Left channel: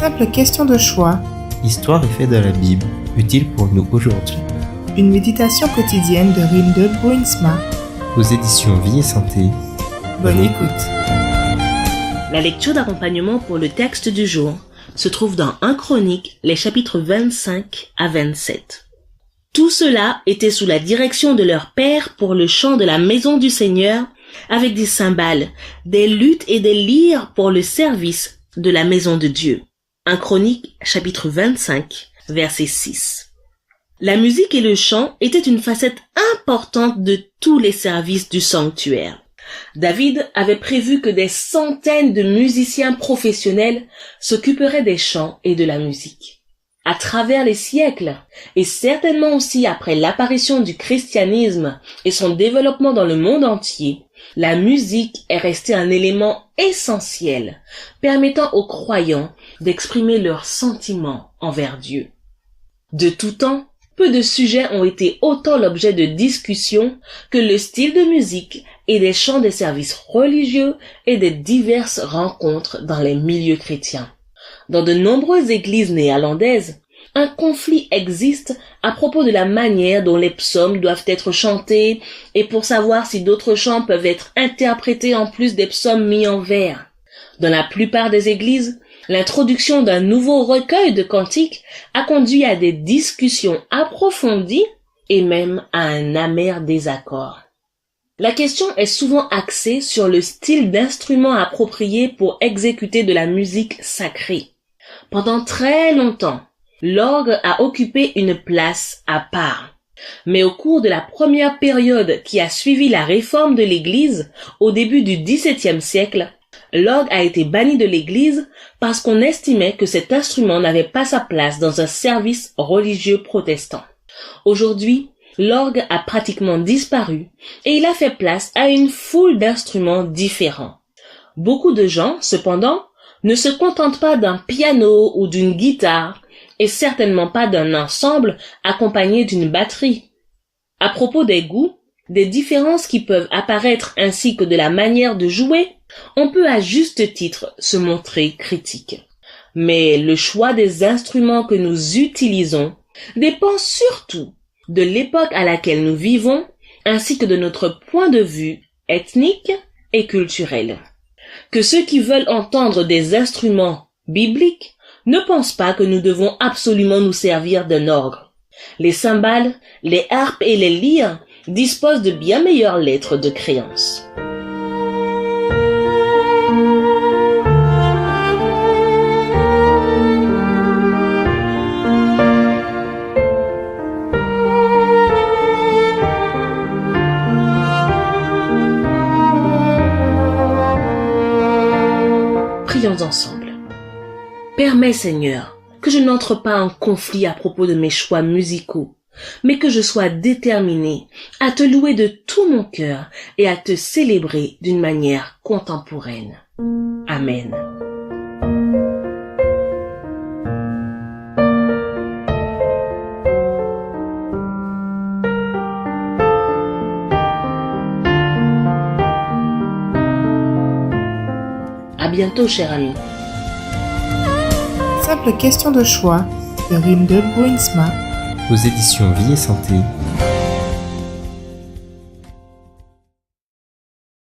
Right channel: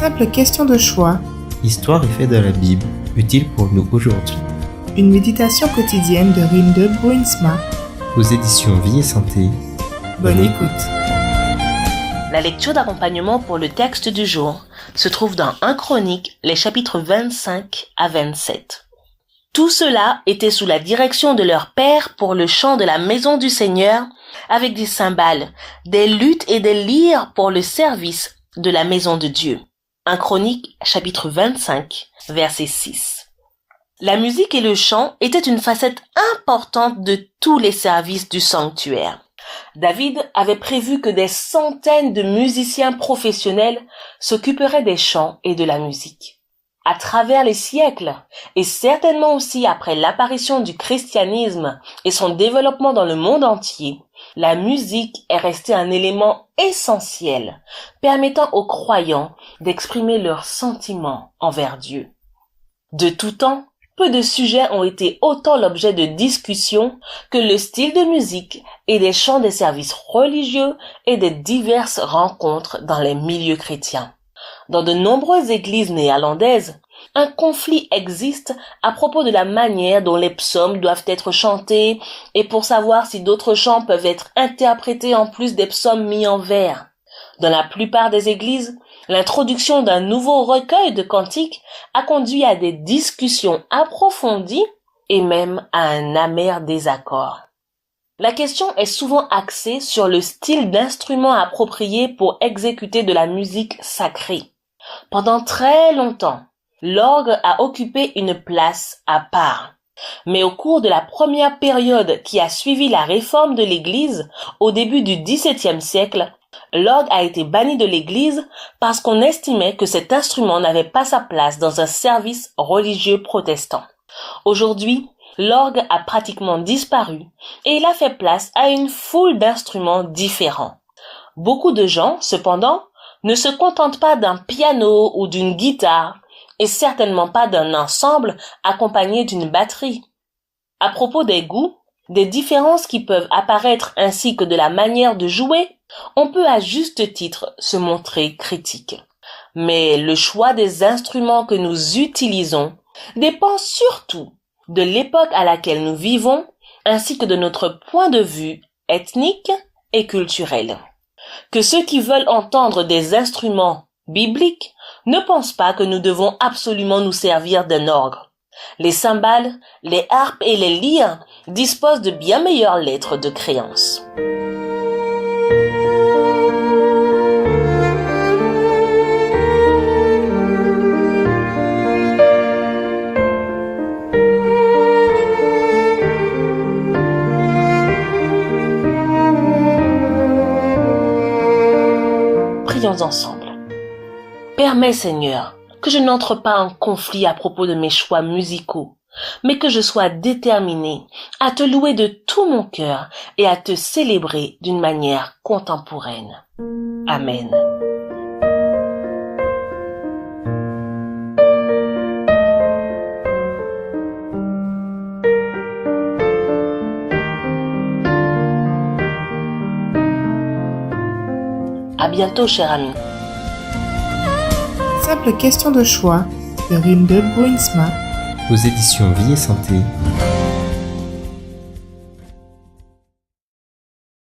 Simple question de choix. Histoire et faits de la Bible, utile pour nous aujourd'hui. Une méditation quotidienne de Rinde Bruinsma. Aux éditions Vie et Santé. Bonne écoute. La lecture d'accompagnement pour le texte du jour se trouve dans 1 Chroniques, les chapitres 25 à 27. Tout cela était sous la direction de leur père pour le chant de la maison du Seigneur, avec des cymbales, des luttes et des lyres pour le service de la maison de Dieu. 1 Chroniques, chapitre 25, verset 6. La musique et le chant étaient une facette importante de tous les services du sanctuaire. David avait prévu que des centaines de musiciens professionnels s'occuperaient des chants et de la musique. À travers les siècles, et certainement aussi après l'apparition du christianisme et son développement dans le monde entier, la musique est restée un élément essentiel, permettant aux croyants d'exprimer leurs sentiments envers Dieu. De tout temps, peu de sujets ont été autant l'objet de discussions que le style de musique et des chants des services religieux et des diverses rencontres dans les milieux chrétiens. Dans de nombreuses églises néerlandaises, un conflit existe à propos de la manière dont les psaumes doivent être chantés et pour savoir si d'autres chants peuvent être interprétés en plus des psaumes mis en vers. Dans la plupart des églises, l'introduction d'un nouveau recueil de cantiques a conduit à des discussions approfondies et même à un amer désaccord. La question est souvent axée sur le style d'instrument approprié pour exécuter de la musique sacrée. Pendant très longtemps, l'orgue a occupé une place à part. Mais au cours de la première période qui a suivi la réforme de l'Église, au début du XVIIe siècle, l'orgue a été banni de l'Église parce qu'on estimait que cet instrument n'avait pas sa place dans un service religieux protestant. Aujourd'hui, l'orgue a pratiquement disparu et il a fait place à une foule d'instruments différents. Beaucoup de gens, cependant, ne se contentent pas d'un piano ou d'une guitare et certainement pas d'un ensemble accompagné d'une batterie. À propos des goûts, des différences qui peuvent apparaître ainsi que de la manière de jouer, on peut à juste titre se montrer critique. Mais le choix des instruments que nous utilisons dépend surtout de l'époque à laquelle nous vivons ainsi que de notre point de vue ethnique et culturel. Que ceux qui veulent entendre des instruments bibliques ne pensent pas que nous devons absolument nous servir d'un orgue. Les cymbales, les harpes et les lyres disposent de bien meilleures lettres de créance. Prions ensemble. Permets, Seigneur, que je n'entre pas en conflit à propos de mes choix musicaux, mais que je sois déterminé à te louer de tout mon cœur et à te célébrer d'une manière contemporaine. Amen. À bientôt, cher ami. Simple question de choix de Rinde Bruinsma. Aux éditions Vie et Santé.